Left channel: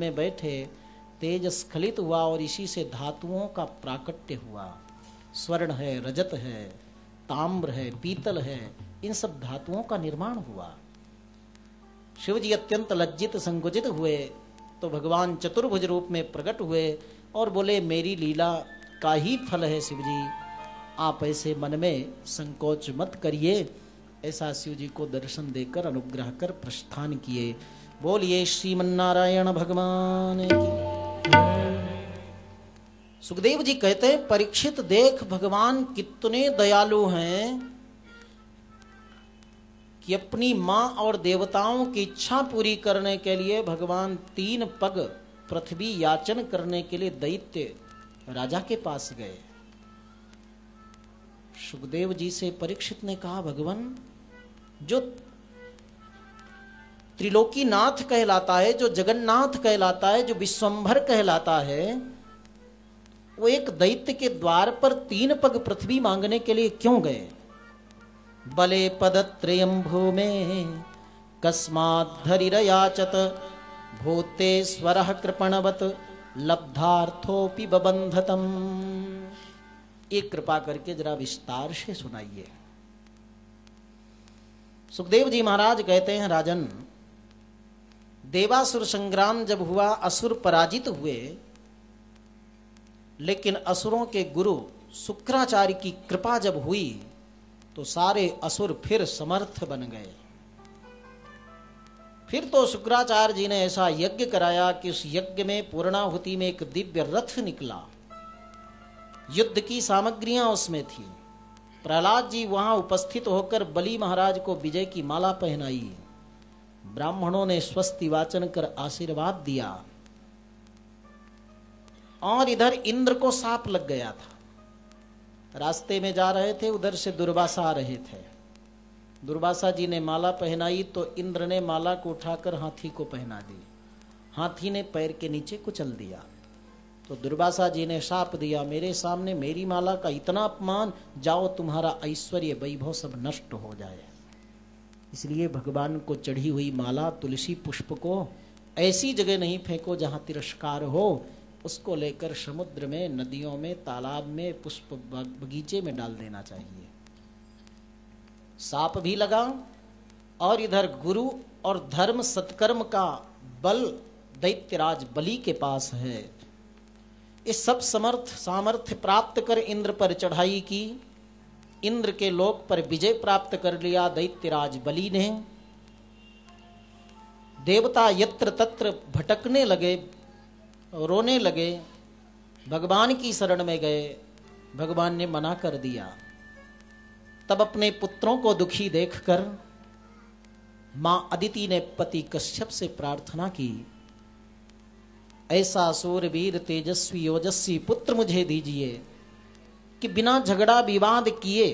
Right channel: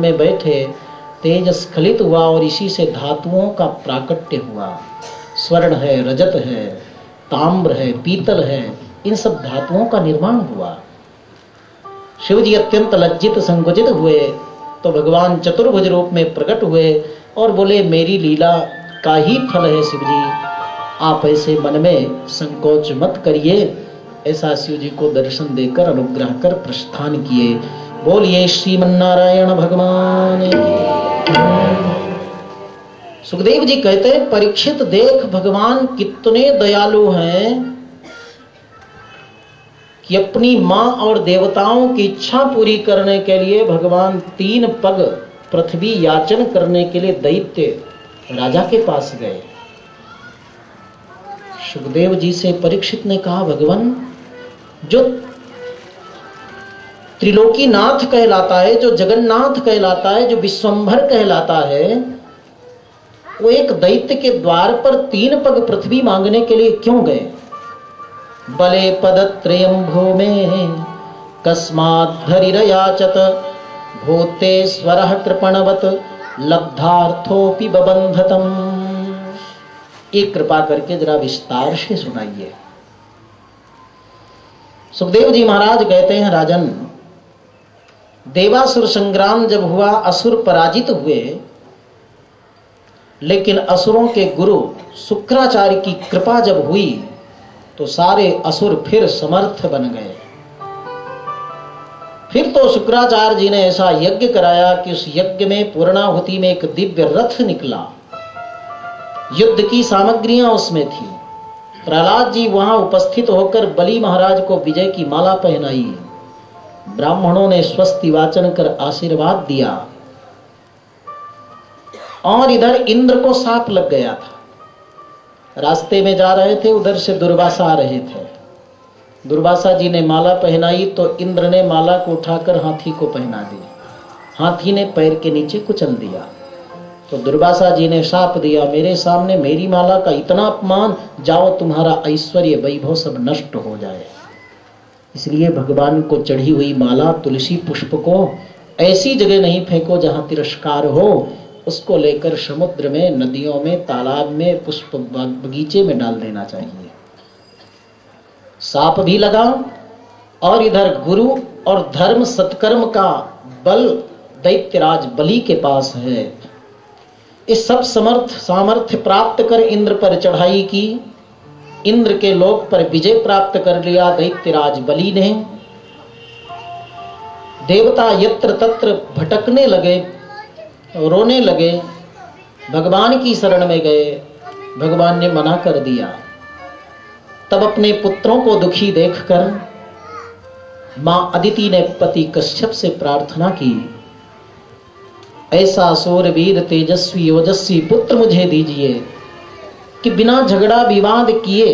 में बैठे तेज स्खलित हुआ और इसी से धातुओं का प्राकट्य हुआ। स्वर्ण है, रजत है, ताम्र है, पीतल है, इन सब धातुओं का निर्माण हुआ। शिव जी अत्यंत लज्जित संकुचित हुए तो भगवान चतुर्भुज रूप में प्रकट हुए और बोले, मेरी लीला का ही फल है शिव जी, आप ऐसे मन में संकोच मत करिए। ऐसा शिव जी को दर्शन देकर अनुग्रह कर प्रस्थान किए। बोलिए श्रीमन्नारायण भगवान की। सुखदेव जी कहते हैं, परीक्षित देख भगवान कितने दयालु हैं कि अपनी मां और देवताओं की इच्छा पूरी करने के लिए भगवान 3 पग पृथ्वी याचन करने के लिए दैत्य राजा के पास गए। सुखदेव जी से परीक्षित ने कहा, भगवान जो त्रिलोकीनाथ कहलाता है, जो जगन्नाथ कहलाता है, जो विश्वंभर कहलाता है, वो एक दैत्य के द्वार पर 3 पग पृथ्वी मांगने के लिए क्यों गए? बले पदत्रयं भूमे कस्मात् हरिरयाचत भूते स्वरः कृपणवत लब्धार्थोपि बबंधतम। एक कृपा करके जरा विस्तार से सुनाइए। सुखदेव जी महाराज कहते हैं, राजन, देवासुर संग्राम जब हुआ, असुर पराजित हुए, लेकिन असुरों के गुरु शुक्राचार्य की कृपा जब हुई तो सारे असुर फिर समर्थ बन गए। फिर तो शुक्राचार्य जी ने ऐसा यज्ञ कराया कि उस यज्ञ में पूर्णाहुति में एक दिव्य रथ निकला, युद्ध की सामग्रियां उसमें थी। प्रहलाद जी वहां उपस्थित होकर बलि महाराज को विजय की माला पहनाई, ब्राह्मणों ने स्वस्ति वाचन कर आशीर्वाद दिया, और इधर इंद्र को सांप लग गया था। रास्ते में जा रहे थे, उधर से दुर्वासा आ रहे थे। दुर्वासा जी ने माला पहनाई तो इंद्र ने माला को उठाकर हाथी को पहना दी। हाथी ने पैर के नीचे कुचल दिया तो दुर्वासा जी ने शाप दिया, मेरे सामने मेरी माला का इतना अपमान, जाओ तुम्हारा ऐश्वर्य वैभव सब नष्ट हो जाए। इसलिए भगवान को चढ़ी हुई माला, तुलसी पुष्प को ऐसी जगह नहीं फेंको जहां तिरस्कार हो। उसको लेकर समुद्र में, नदियों में, तालाब में, पुष्प बगीचे में डाल देना चाहिए। साप भी लगा और इधर गुरु और धर्म सत्कर्म का बल दैत्यराज बलि के पास है। इस सब सामर्थ्य प्राप्त कर इंद्र पर चढ़ाई की, इंद्र के लोक पर विजय प्राप्त कर लिया दैत्यराज बलि ने। देवता यत्र तत्र भटकने लगे, रोने लगे, भगवान की शरण में गए। भगवान ने मना कर दिया। तब अपने पुत्रों को दुखी देखकर मां अदिति ने पति कश्यप से प्रार्थना की, ऐसा सूरवीर तेजस्वी ओजस्वी पुत्र मुझे दीजिए कि बिना झगड़ा विवाद किए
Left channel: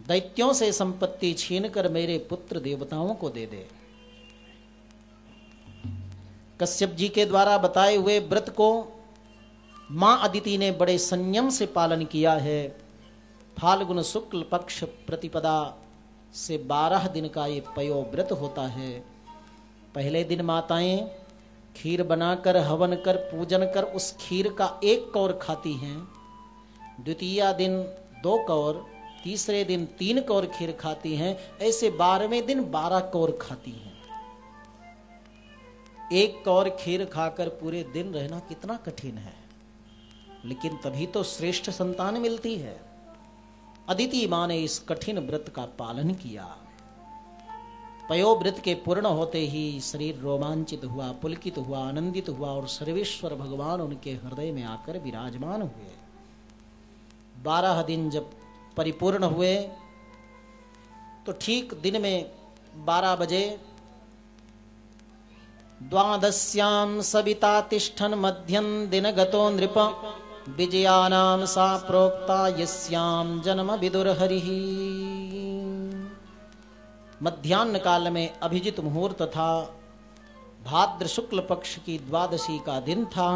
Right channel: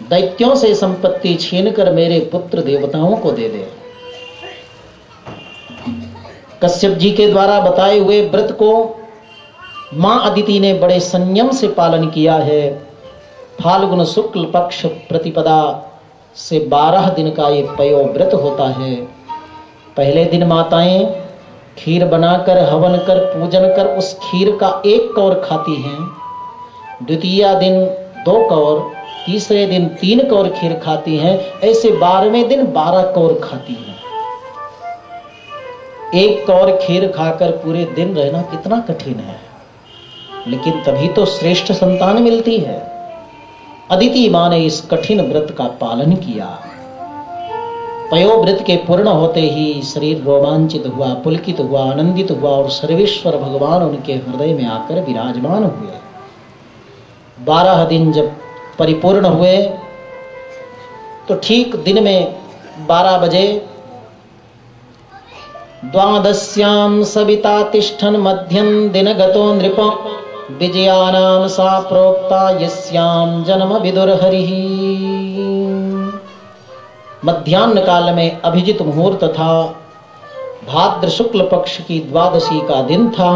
दैत्यों से संपत्ति छीनकर मेरे पुत्र देवताओं को दे दे। कश्यप जी के द्वारा बताए हुए व्रत को मां अदिति ने बड़े संयम से पालन किया है। फाल्गुन शुक्ल पक्ष प्रतिपदा से 12 दिन का ये पयो व्रत होता है। पहले दिन माताएं खीर बनाकर हवन कर पूजन कर उस खीर का 1 कौर खाती हैं। द्वितीय दिन 2 कौर, तीसरे दिन 3 कौर खीर खाती हैं। ऐसे 12वें दिन 12 कौर खाती हैं। 1 कौर खीर खाकर पूरे दिन रहना कितना कठिन है, लेकिन तभी तो श्रेष्ठ संतान मिलती है। अदिति मां ने इस कठिन व्रत का पालन किया। पयो व्रत के पूर्ण होते ही शरीर रोमांचित हुआ, पुलकित हुआ, आनंदित हुआ और सर्वेश्वर भगवान उनके हृदय में आकर विराजमान हुए। 12 दिन जब परिपूर्ण हुए तो ठीक दिन में 12 बजे द्वादश्याम सविता तिष्ठन् मध्यम दिन गतो नृप विजयानाम सा प्रोक्ता यस्याम जन्म विदुर हरिः। मध्याह्न काल में अभिजित मुहूर्त था। भाद्र शुक्ल पक्ष की द्वादशी का दिन था।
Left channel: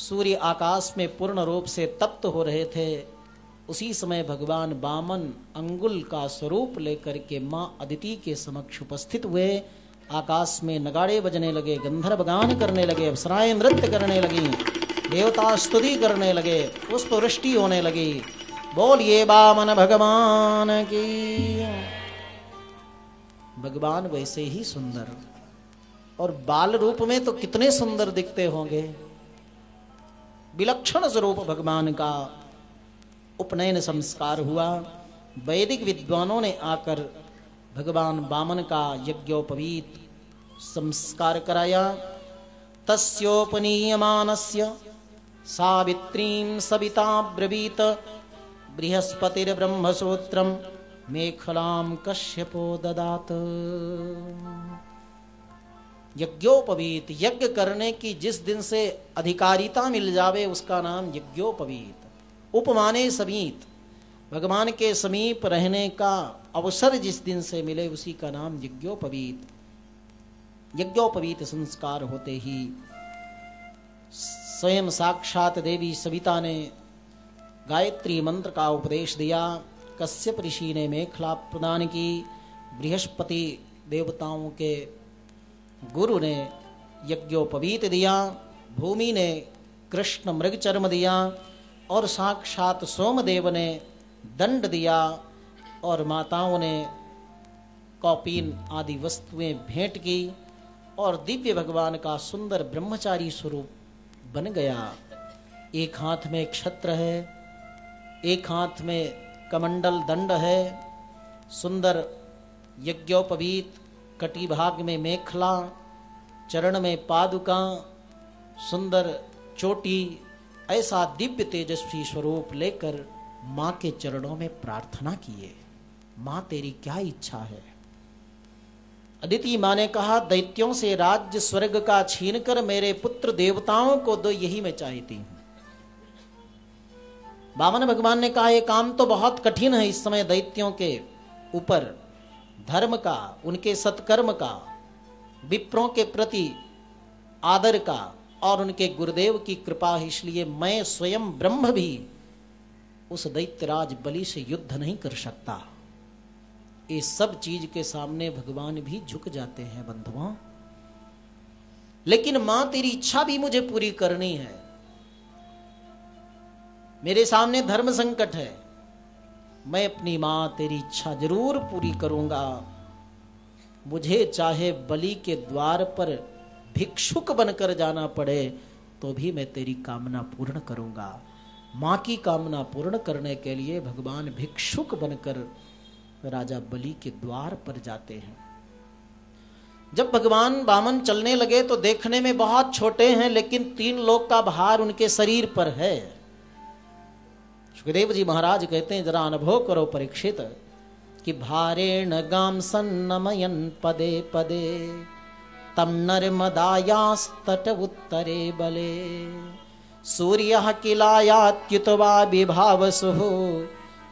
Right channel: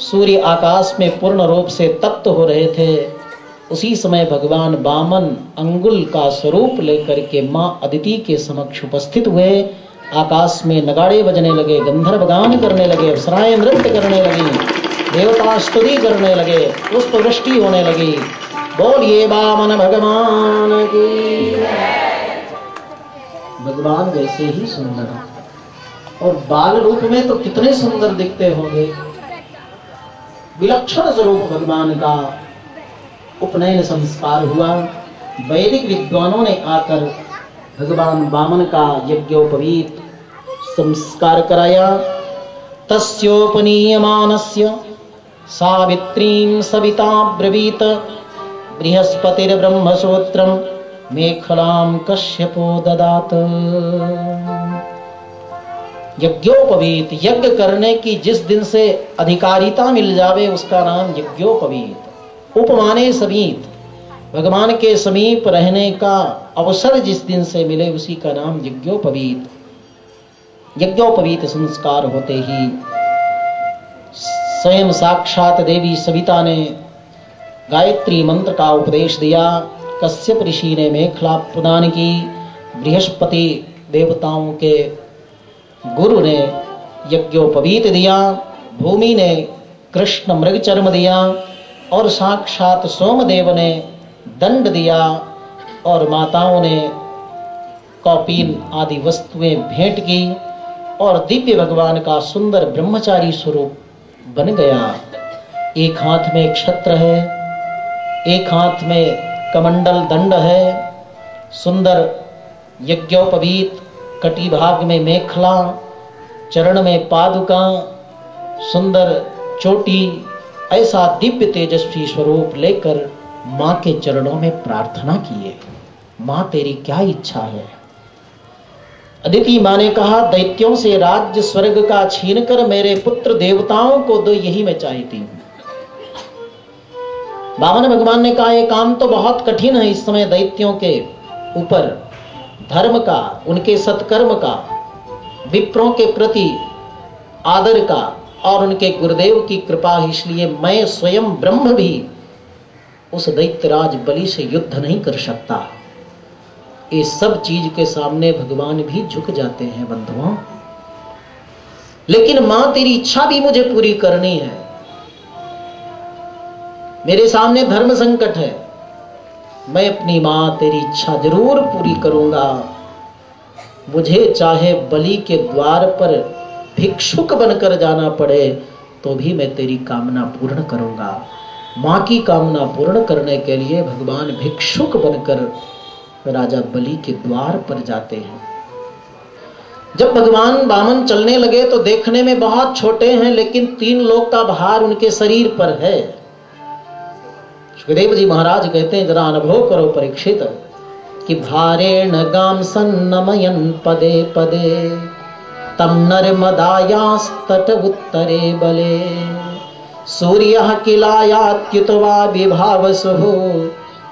सूर्य आकाश में पूर्ण रूप से तप्त हो रहे थे। उसी समय भगवान वामन अंगुल का स्वरूप लेकर के मां अदिति के समक्ष उपस्थित हुए। आकाश में नगाड़े बजने लगे, गंधर्व गान करने लगे, अप्सराएं नृत्य करने लगी, देवता स्तुति करने लगे, पुष्प वृष्टि होने लगी। बोलिए वामन भगवान की। भगवान वैसे ही सुंदर, और बाल रूप में तो कितने सुंदर दिखते होंगे। विलक्षण स्वरूप भगवान का उपनयन संस्कार हुआ। वैदिक विद्वानों ने आकर भगवान वामन का यज्ञोपवीत संस्कार कराया। तस्योपनीयमानस्य सावित्रीं सविता ब्रवीत बृहस्पतिर्ब्रह्मसूत्रं मेखलां कश्यपो ददात। यज्ञोपवीत, यज्ञ करने की जिस दिन से अधिकारिता मिल जावे उसका नाम यज्ञोपवीत। उपमाने समीप, भगवान के समीप रहने का अवसर जिस दिन से मिले उसी का नाम यज्ञोपवीत। यज्ञोपवीत संस्कार होते ही स्वयं साक्षात देवी सविता ने गायत्री मंत्र का उपदेश दिया। कश्यप ऋषि ने मेखला प्रदान की। बृहस्पति देवताओं के गुरु ने यज्ञोपवीत दिया। भूमि ने कृष्ण मृग चर्म दिया और साक्षात सोमदेव ने दंड दिया और माताओं ने कौपीन आदि वस्तुएं भेंट की और दिव्य भगवान का सुंदर ब्रह्मचारी स्वरूप बन गया। एक हाथ में क्षत्र है, एक हाथ में कमंडल दंड है, सुंदर यज्ञोपवीत, कटी भाग में मेखला, चरण में पादुका, सुंदर चोटी, ऐसा दिव्य तेजस्वी स्वरूप लेकर मां के चरणों में प्रार्थना किए। मां तेरी क्या इच्छा है? अदिति मां ने कहा, दैत्यों से राज्य स्वर्ग का छीनकर मेरे पुत्र देवताओं को दो, यही मैं चाहती हूं। वामन भगवान ने कहा, यह काम तो बहुत कठिन है। इस समय दैत्यों के ऊपर धर्म का, उनके सत्कर्म का, विप्रों के प्रति आदर का और उनके गुरुदेव की कृपा, इसलिए मैं स्वयं ब्रह्म भी उस दैत्यराज बलि से युद्ध नहीं कर सकता। ये सब चीज के सामने भगवान भी झुक जाते हैं बंधुओं। लेकिन मां तेरी इच्छा भी मुझे पूरी करनी है। मेरे सामने धर्म संकट है, मैं अपनी मां तेरी इच्छा जरूर पूरी करूंगा। मुझे चाहे बलि के द्वार पर भिक्षुक बनकर जाना पड़े तो भी मैं तेरी कामना पूर्ण करूंगा। मां की कामना पूर्ण करने के लिए भगवान भिक्षुक बनकर राजा बलि के द्वार पर जाते हैं। जब भगवान वामन चलने लगे तो देखने में बहुत छोटे हैं, लेकिन 3 लोक का भार उनके शरीर पर है। सुखदेव जी महाराज कहते हैं, जरा अनुभव करो परीक्षित, कि भारेण गाम सन्नमयन पदे पदे तम नर्मदायास्तट उत्तरे बले सूर्यः किलायात्युतवा विभावसुः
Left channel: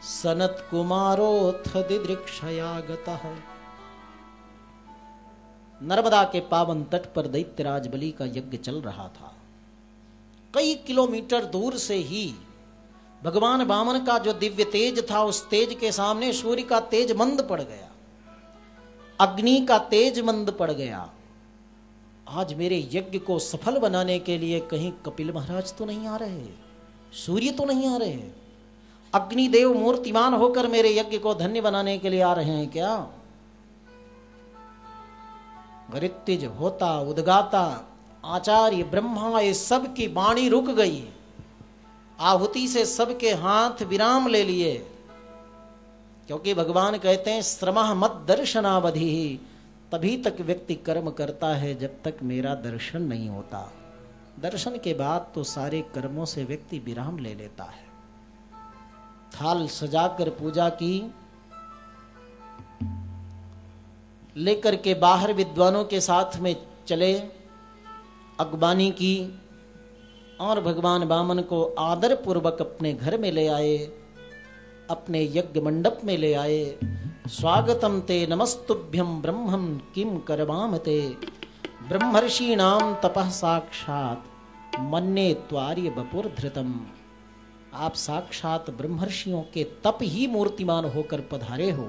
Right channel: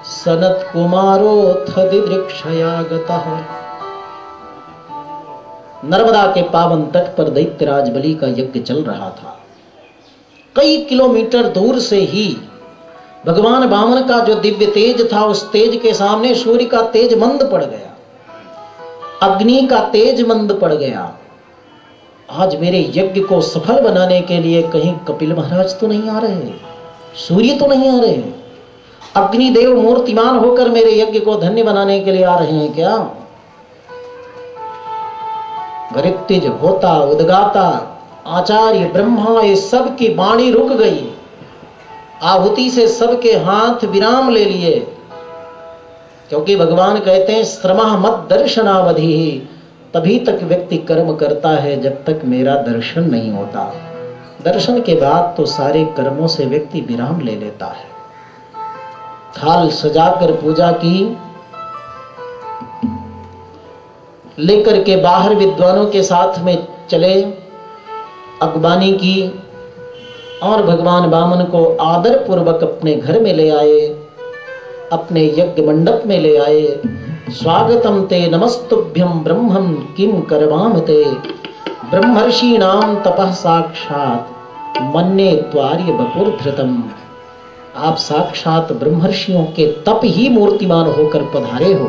सनत कुमारोऽथ दिदृक्षया गतः। नर्मदा के पावन तट पर दैत्यराज बलि का यज्ञ चल रहा था। कई किलोमीटर दूर से ही भगवान वामन का जो दिव्य तेज था, उस तेज के सामने सूर्य का तेज मंद पड़ गया, अग्नि का तेज मंद पड़ गया। आज मेरे यज्ञ को सफल बनाने के लिए कहीं कपिल महाराज तो नहीं आ रहे, सूर्य तो नहीं आ रहे, अग्निदेव मूर्तिमान होकर मेरे यज्ञ को धन्य बनाने के लिए आ रहे हैं क्या? गृत्तिज, होता, उद्गाता, आचार्य, ब्रह्मा, ये सब की वाणी रुक गई। आहुति से सबके हाथ विराम ले लिए, क्योंकि भगवान कहते हैं श्रमः मत दर्शनावधि। तभी तक व्यक्ति कर्म करता है जब तक मेरा दर्शन नहीं होता। दर्शन के बाद तो सारे कर्मों से व्यक्ति विराम ले लेता है। थाल सजाकर पूजा की, लेकर के बाहर विद्वानों के साथ में चले, अगवानी की और भगवान वामन को आदर पूर्वक अपने घर में ले आए, अपने यज्ञ मंडप में ले आए। स्वागतम ते नमस्तुभ्यं ब्रह्मं किम करवाम ते ब्रह्मर्षीणाम तपः साक्षात मन्ये त्वार्य बपुर्धृतम। आप साक्षात ब्रह्मर्षियों के तप ही मूर्तिमान होकर पधारे हो।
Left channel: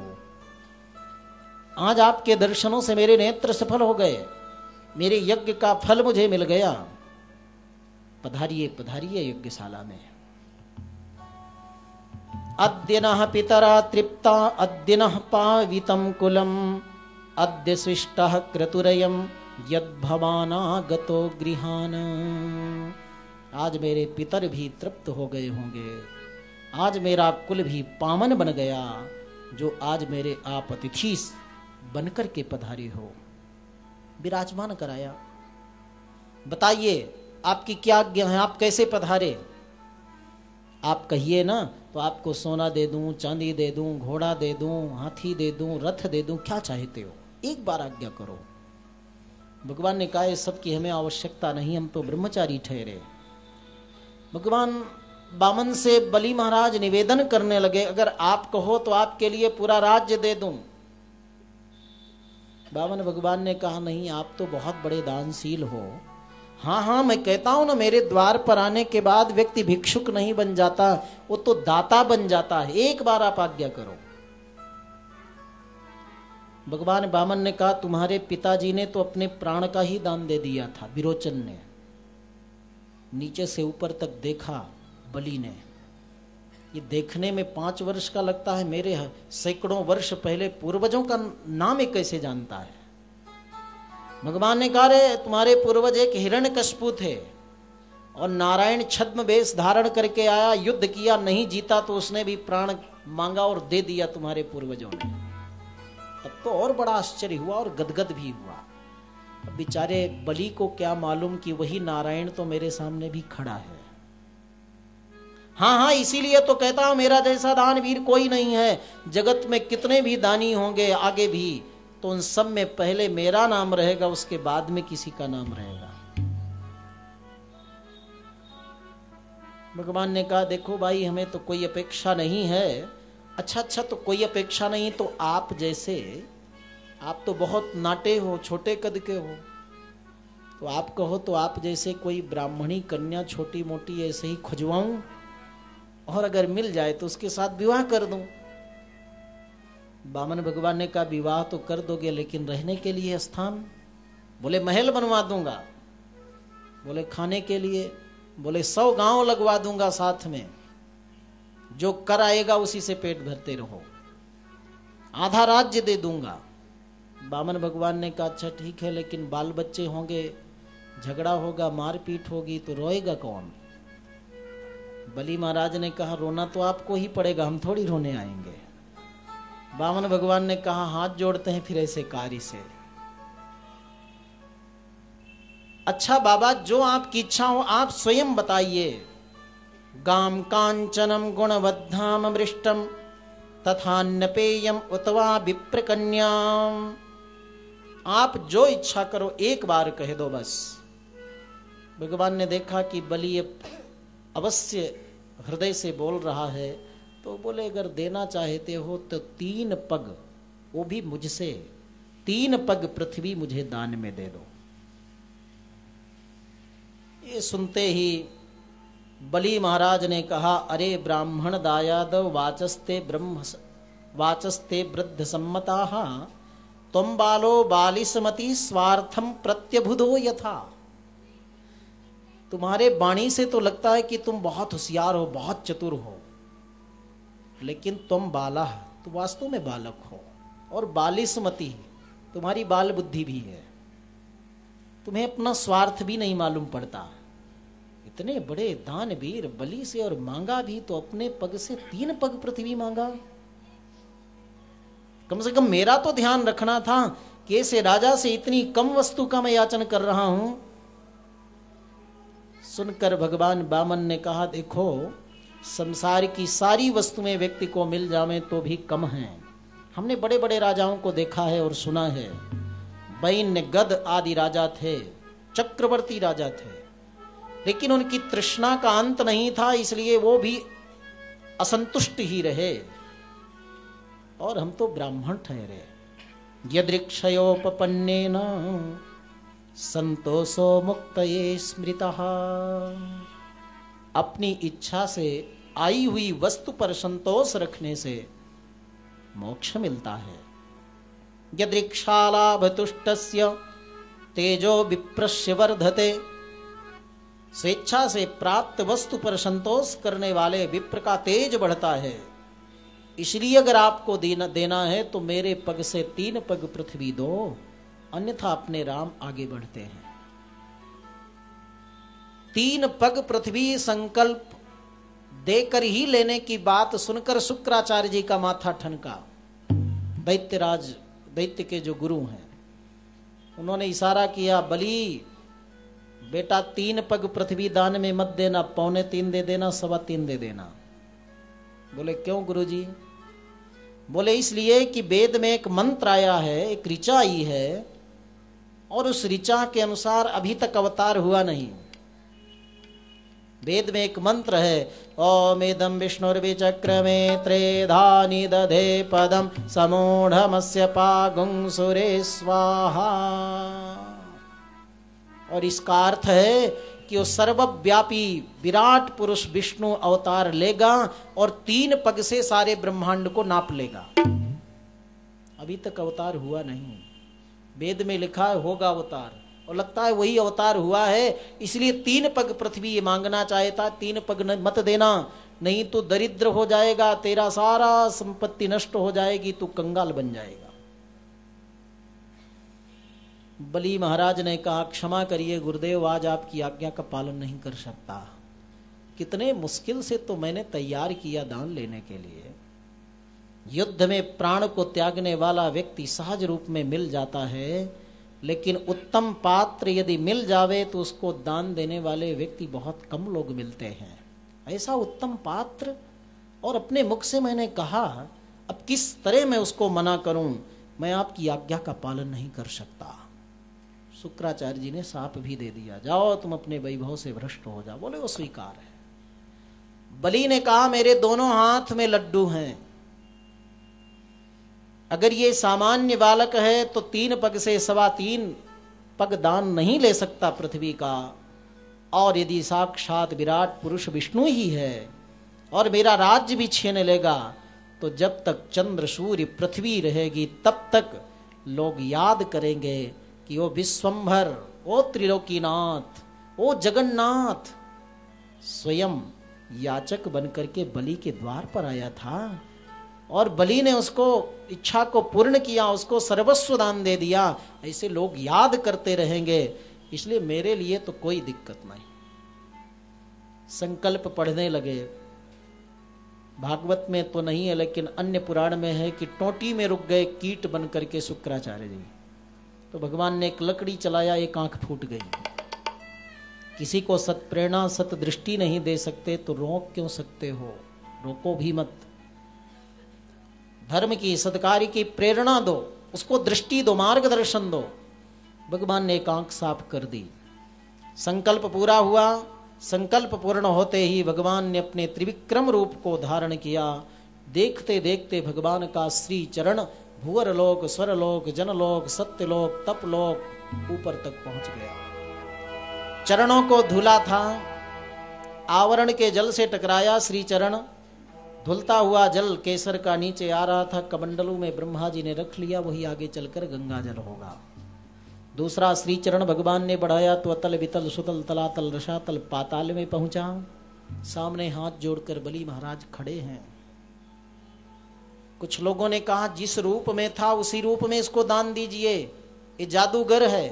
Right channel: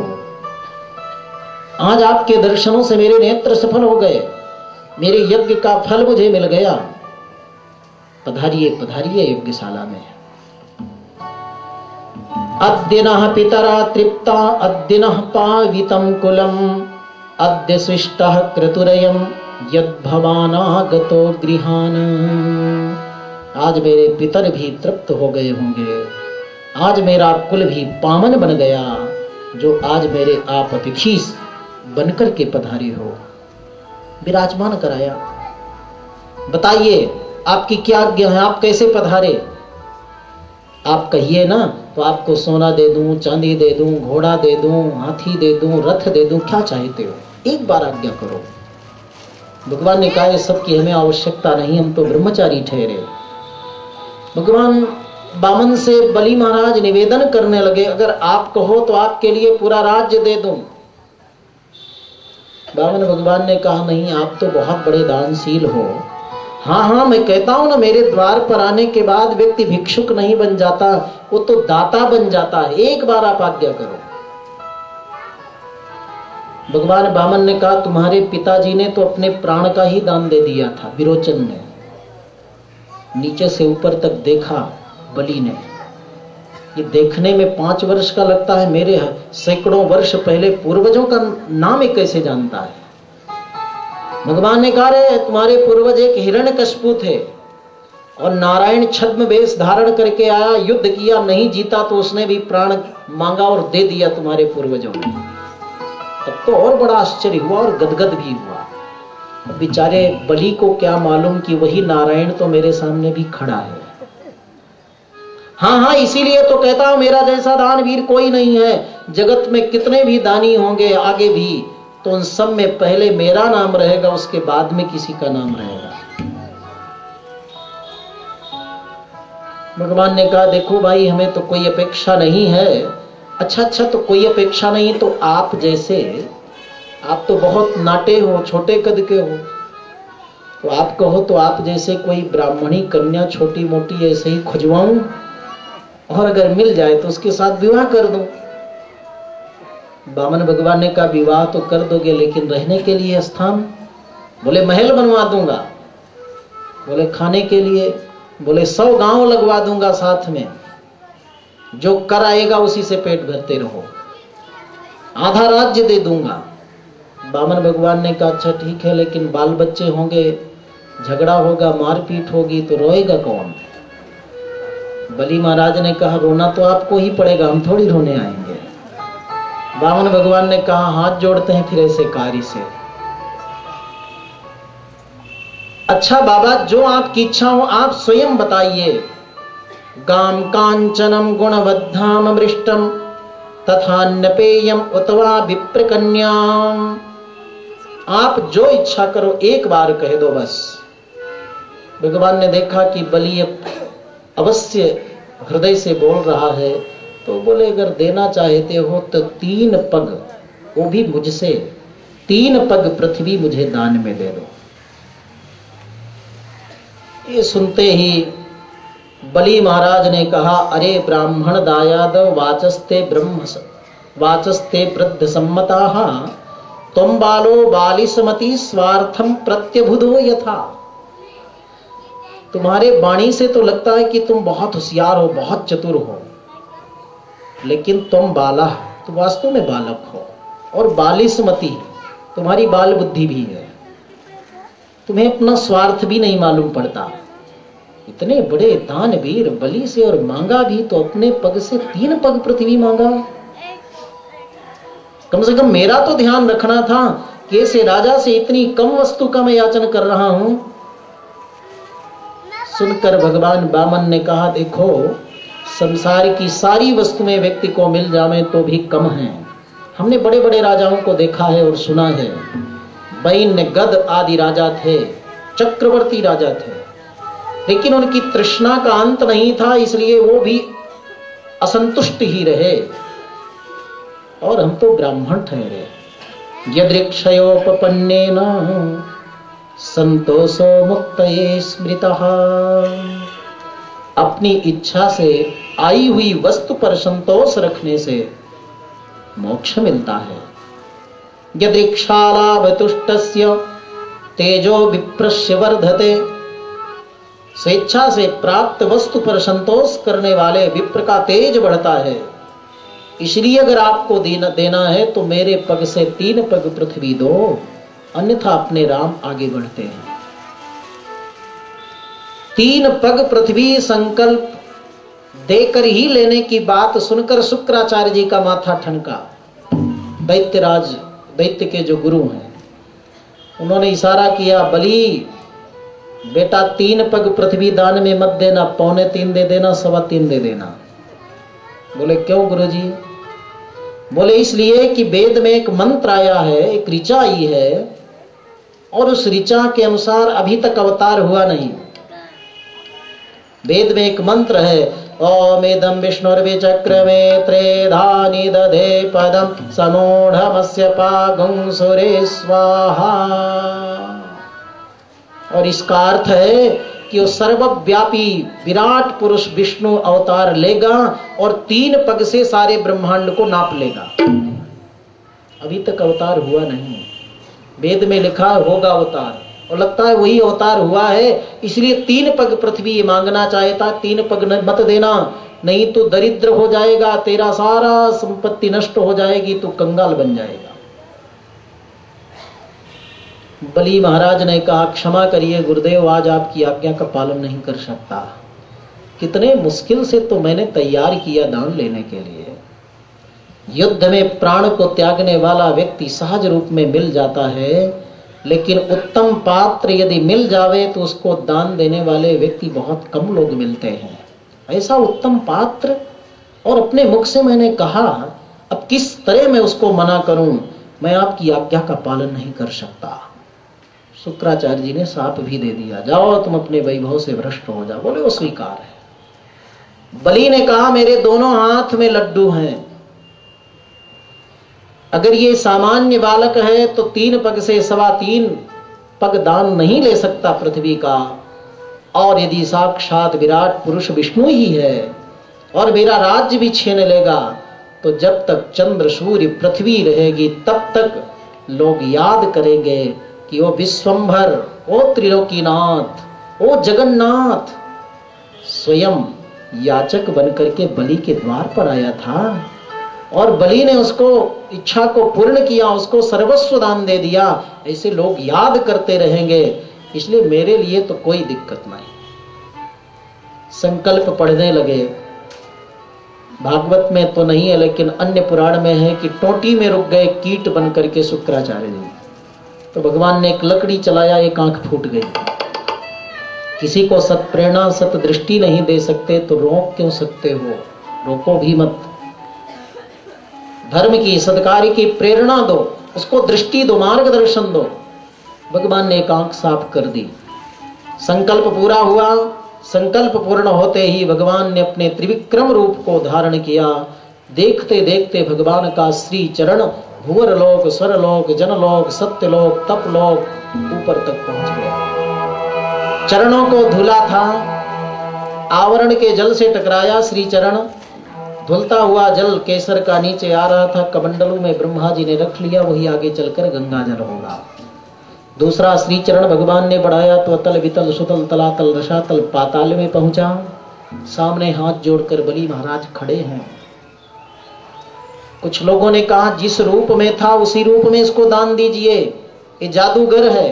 आज आपके दर्शनों से मेरे नेत्र सफल हो गए, मेरे यज्ञ का फल मुझे मिल गया। पधारिए पधारिए यज्ञशाला में। अद्य नः पितरा तृप्ता अद्य नः पावितं कुलम् अद्य शिष्टः क्रतुरयम् यद्भवानागतो गृहान्। आज मेरे पितर भी तृप्त हो गए होंगे, आज मेरा कुल भी पावन बन गया, जो आज मेरे आप अतिथि बनकर के पधारे हो। विराजमान कराया। बताइए आपकी क्या आज्ञा है, आप कैसे पधारे? आप कहिए ना तो आपको सोना दे दूं, चांदी दे दूं, घोड़ा दे दूं, हाथी दे दूं, रथ दे दूं, क्या चाहते हो? एक बार आज्ञा करो। भगवान ने कहा सबकी हमें आवश्यकता नहीं, हम तो ब्रह्मचारी ठहरे। भगवान बामन से बलि महाराज निवेदन करने लगे, अगर आप कहो तो आपके लिए पूरा राज्य दे दूं। बामन भगवान ने कहा नहीं, आप तो बहुत बड़े दानशील हो। हाँ हाँ, मैं कहता हूं ना, मेरे द्वार पर आने के बाद व्यक्ति भिक्षुक नहीं बन जाता, वो तो दाता बन जाता है। एक बार आप आज्ञा करो। भगवान बामन ने कहा तुम्हारे पिताजी ने तो अपने प्राण का ही दान दे दिया था। विरोचन ने नीचे से ऊपर तक देखा, बलि ने, ये देखने में 5 वर्ष का लगता है, मेरे सैकड़ों वर्ष पहले पूर्वजों का नाम ये कैसे जानता है? भगवान ने कहा रे तुम्हारे पूर्वज एक हिरण्यकशिपु थे और नारायण छद्म वेश धारण करके आया, युद्ध किया, नहीं जीता तो उसने भी प्राण मांगा और दे दिया तुम्हारे पूर्वजों को। तब तो और बड़ा आश्चर्य हुआ और गदगद भी हुआ। बेचारे बलि को क्या मालूम कि वही नारायण तो मेरे सामने भी खड़ा है। हाँ हाँ, इसीलिए तो कहता हूं मेरा जैसा दानवीर कोई नहीं है। जगत में कितने भी दानी होंगे आगे भी, तो उन सब में पहले मेरा नाम रहेगा, उसके बाद में किसी का नाम रहेगा। भगवान ने कहा देखो भाई, हमें तो कोई अपेक्षा नहीं है। अच्छा, तो कोई अपेक्षा नहीं तो आप जैसे, आप तो बहुत नाटे हो, छोटे कद के हो, तो आप कहो तो आप जैसे कोई ब्राह्मणी कन्या छोटी मोटी ऐसे ही खुजवाऊं, और अगर मिल जाए तो उसके साथ विवाह कर दूं। बामन भगवान ने कहा विवाह तो कर दोगे, लेकिन रहने के लिए स्थान? बोले महल बनवा दूंगा। बोले खाने के लिए? बोले 100 गांव लगवा दूंगा साथ में, जो कर आएगा उसी से पेट भरते रहो, आधा राज्य दे दूंगा। बामन भगवान ने कहा अच्छा ठीक है, लेकिन बाल बच्चे होंगे, झगड़ा होगा, मारपीट होगी, तो रोएगा कौन? बलि महाराज ने कहा रोना तो आपको ही पड़ेगा, हम थोड़ी रोने आएंगे। बामन भगवान ने कहा हाथ जोड़ते हैं फिर ऐसे कार्य से। अच्छा बाबा, जो आपकी इच्छा हो आप स्वयं बताइए। गाम कांचनम गुणवद्धाम मृष्टम तथान्यपेयम उतवा विप्रकन्याम। आप जो इच्छा करो एक बार कह दो बस। भगवान ने देखा कि बलि अवश्य हृदय से बोल रहा है, तो बोले अगर देना चाहते हो तो 3 पग, वो भी मुझसे, 3 पग पृथ्वी मुझे दान में दे दो। ये सुनते ही बलि महाराज ने कहा अरे ब्राह्मण दायाद वाचस्ते वृद्ध सम्मताः त्वं बालो बालिसमति स्वार्थम प्रत्यबुधो यथा। तुम्हारे वाणी से तो लगता है कि तुम बहुत होशियार हो, बहुत चतुर हो, लेकिन तुम बाला, तुम वास्तव में बालक हो, और बालिसमति, तुम्हारी बाल बुद्धि भी है। तुम्हें अपना स्वार्थ भी नहीं मालूम पड़ता। इतने बड़े दानवीर बलि से, और मांगा भी तो अपने पग से 3 पग पृथ्वी मांगा। कम से कम मेरा तो ध्यान रखना था कि ऐसे राजा से इतनी कम वस्तु का मैं याचन कर रहा हूं। सुनकर भगवान बामन ने कहा देखो, संसार की सारी वस्तुएं व्यक्ति को मिल जावे तो भी कम है। हमने बड़े बड़े राजाओं को देखा है और सुना है, वैन्य गद आदि राजा थे, चक्रवर्ती राजा थे, लेकिन उनकी तृष्णा का अंत नहीं था, इसलिए वो भी असंतुष्ट ही रहे, और हम तो ब्राह्मण ठहरे। यदृक्षयोपपन्नेन संतोषो मुक्तये स्मृतः। अपनी इच्छा से आई हुई वस्तु पर संतोष रखने से मोक्ष मिलता है। यदीक्षालाभ तुष्टस्य तेजो विप्रस्य वर्धते। स्वेच्छा से प्राप्त वस्तु पर संतोष करने वाले विप्र का तेज बढ़ता है। इसलिए अगर आपको देना है तो मेरे पग से 3 पग पृथ्वी दो, अन्यथा अपने राम आगे बढ़ते हैं। 3 पग पृथ्वी संकल्प देकर ही लेने की बात सुनकर शुक्राचार्य जी का माथा ठनका। दैत्यराज, दैत्य के जो गुरु हैं, उन्होंने इशारा किया, बलि बेटा 3 पग पृथ्वी दान में मत देना, 2.25 दे देना, 3.25 दे देना। बोले क्यों गुरुजी? बोले इसलिए कि वेद में एक मंत्र आया है, एक ऋचा आई है, और उस ऋचा के अनुसार अभी तक अवतार हुआ नहीं। वेद में एक मंत्र है, ओमेदं विष्णुर्विचक्रमे त्रेधानि दधे पदं समूढ़मस्य पागुं सुरे स्वाहा। और इसका अर्थ है कि वो सर्वव्यापी विराट पुरुष विष्णु अवतार लेगा और 3 पग से सारे ब्रह्मांड को नाप लेगा। अभी तक अवतार हुआ नहीं, वेद में लिखा होगा अवतार, और लगता है वही अवतार हुआ है। इसलिए 3 पग पृथ्वी मांगना चाहता, 3 पग मत देना, नहीं तो दरिद्र हो जाएगा, तेरा सारा संपत्ति नष्ट हो जाएगी, तो कंगाल बन जाएगा। बलि महाराज ने कहा, क्षमा करिए गुरुदेव, आज आपकी आज्ञा का पालन नहीं कर सकता। कितने मुश्किल से तो मैंने तैयार किया दान लेने के लिए। युद्ध में प्राण को त्यागने वाला व्यक्ति सहज रूप में मिल जाता है, लेकिन उत्तम पात्र यदि मिल जावे तो उसको दान देने वाले व्यक्ति बहुत कम लोग मिलते हैं। ऐसा उत्तम पात्र, और अपने मुख से मैंने कहा, अब किस तरह मैं उसको मना करूं, मैं आपकी आज्ञा का पालन नहीं कर सकता। शुक्राचार्य जी ने साप भी दे दिया, जाओ तुम अपने वैभव से भ्रष्ट हो जाओ। बोले वो स्वीकार है। बलि ने कहा, मेरे दोनों हाथ में लड्डू हैं, अगर ये सामान्य बालक है तो 3 पग से 3.25 पग दान नहीं ले सकता पृथ्वी का, और यदि साक्षात विराट पुरुष विष्णु ही है और मेरा राज्य भी छीन लेगा, तो जब तक चंद्र सूर्य पृथ्वी रहेगी तब तक लोग याद करेंगे कि वो विश्वंभर, वो त्रिलोकीनाथ, वो जगन्नाथ स्वयं याचक बनकर के बलि के द्वार पर आया था, और बलि ने उसको इच्छा को पूर्ण किया, उसको सर्वस्व दान दे दिया। ऐसे लोग याद करते रहेंगे, इसलिए मेरे लिए तो कोई दिक्कत नहीं। संकल्प पढ़ने लगे। भागवत में तो नहीं है, लेकिन अन्य पुराण में है कि टोटी में रुक गए कीट बन करके शुक्राचार्य जी। तो भगवान ने एक लकड़ी चलाया, एक आंख फूट गई। किसी को सत प्रेरणा, सत दृष्टि नहीं दे सकते तो रोक क्यों सकते हो? रोको भी मत। धर्म की, सत्कार्य की प्रेरणा दो, उसको दृष्टि दो, मार्गदर्शन दो। भगवान ने एक आंख साफ कर दी। संकल्प पूरा हुआ। संकल्प पूर्ण होते ही भगवान ने अपने त्रिविक्रम रूप को धारण किया। देखते देखते भगवान का श्री चरण भूवर लोक, स्वर लोक, जनलोक, सत्यलोक, तपलोक ऊपर तक पहुंच गया। चरणों को धुला था, आवरण के जल से टकराया श्री चरण। धुलता हुआ जल केसर का नीचे आ रहा था, कमंडलों में ब्रह्मा जी ने रख लिया, वही आगे चलकर गंगा जल होगा। दूसरा श्री चरण भगवान ने बढ़ाया तो अतल वितल सुतल तलातल रसातल पाताल में पहुंचा। सामने हाथ जोड़कर बलि महाराज खड़े हैं। कुछ लोगों ने कहा जिस रूप में था उसी रूप में इसको दान दीजिए, ये जादूगर है।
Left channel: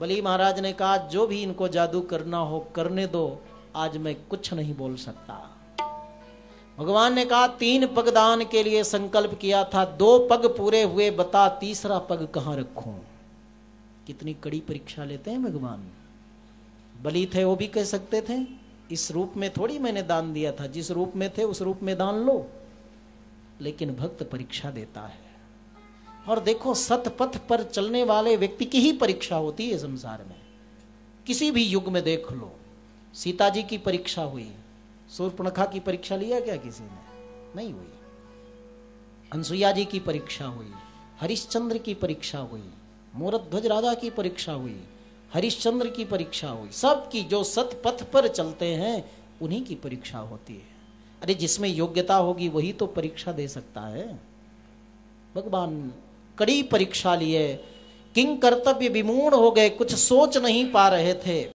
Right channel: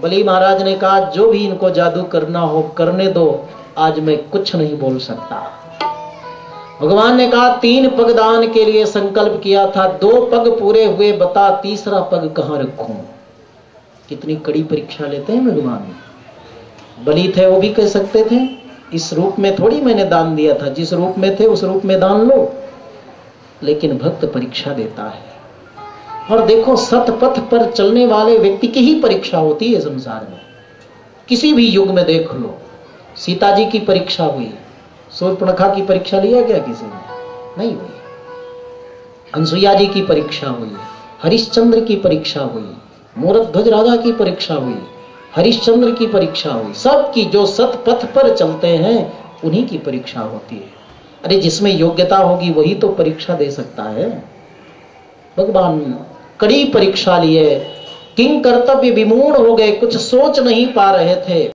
बलि महाराज ने कहा जो भी इनको जादू करना हो करने दो, आज मैं कुछ नहीं बोल सकता। भगवान ने कहा 3 पग दान के लिए संकल्प किया था, 2 पग पूरे हुए, बता तीसरा पग कहां रखूं? कितनी कड़ी परीक्षा लेते हैं भगवान। बलि थे वो भी कह सकते थे इस रूप में थोड़ी मैंने दान दिया था, जिस रूप में थे उस रूप में दान लो। लेकिन भक्त परीक्षा देता है। और देखो सतपथ पर चलने वाले व्यक्ति की ही परीक्षा होती है संसार में। किसी भी युग में देख लो, सीता जी की परीक्षा हुई, शूर्पणखा की परीक्षा लिया गया किसी ने? नहीं हुई। अनसुईया जी की परीक्षा हुई, हरिश्चंद्र की परीक्षा हुई, मूरध्वज राजा की परीक्षा हुई, हरिश्चंद्र की परीक्षा हुई। सबकी जो सतपथ पर चलते हैं उन्हीं की परीक्षा होती है। अरे जिसमें योग्यता होगी वही तो परीक्षा दे सकता है। भगवान कड़ी परीक्षा लिए, किंग कर्तव्य विमूढ़ हो गए, कुछ सोच नहीं पा रहे थे।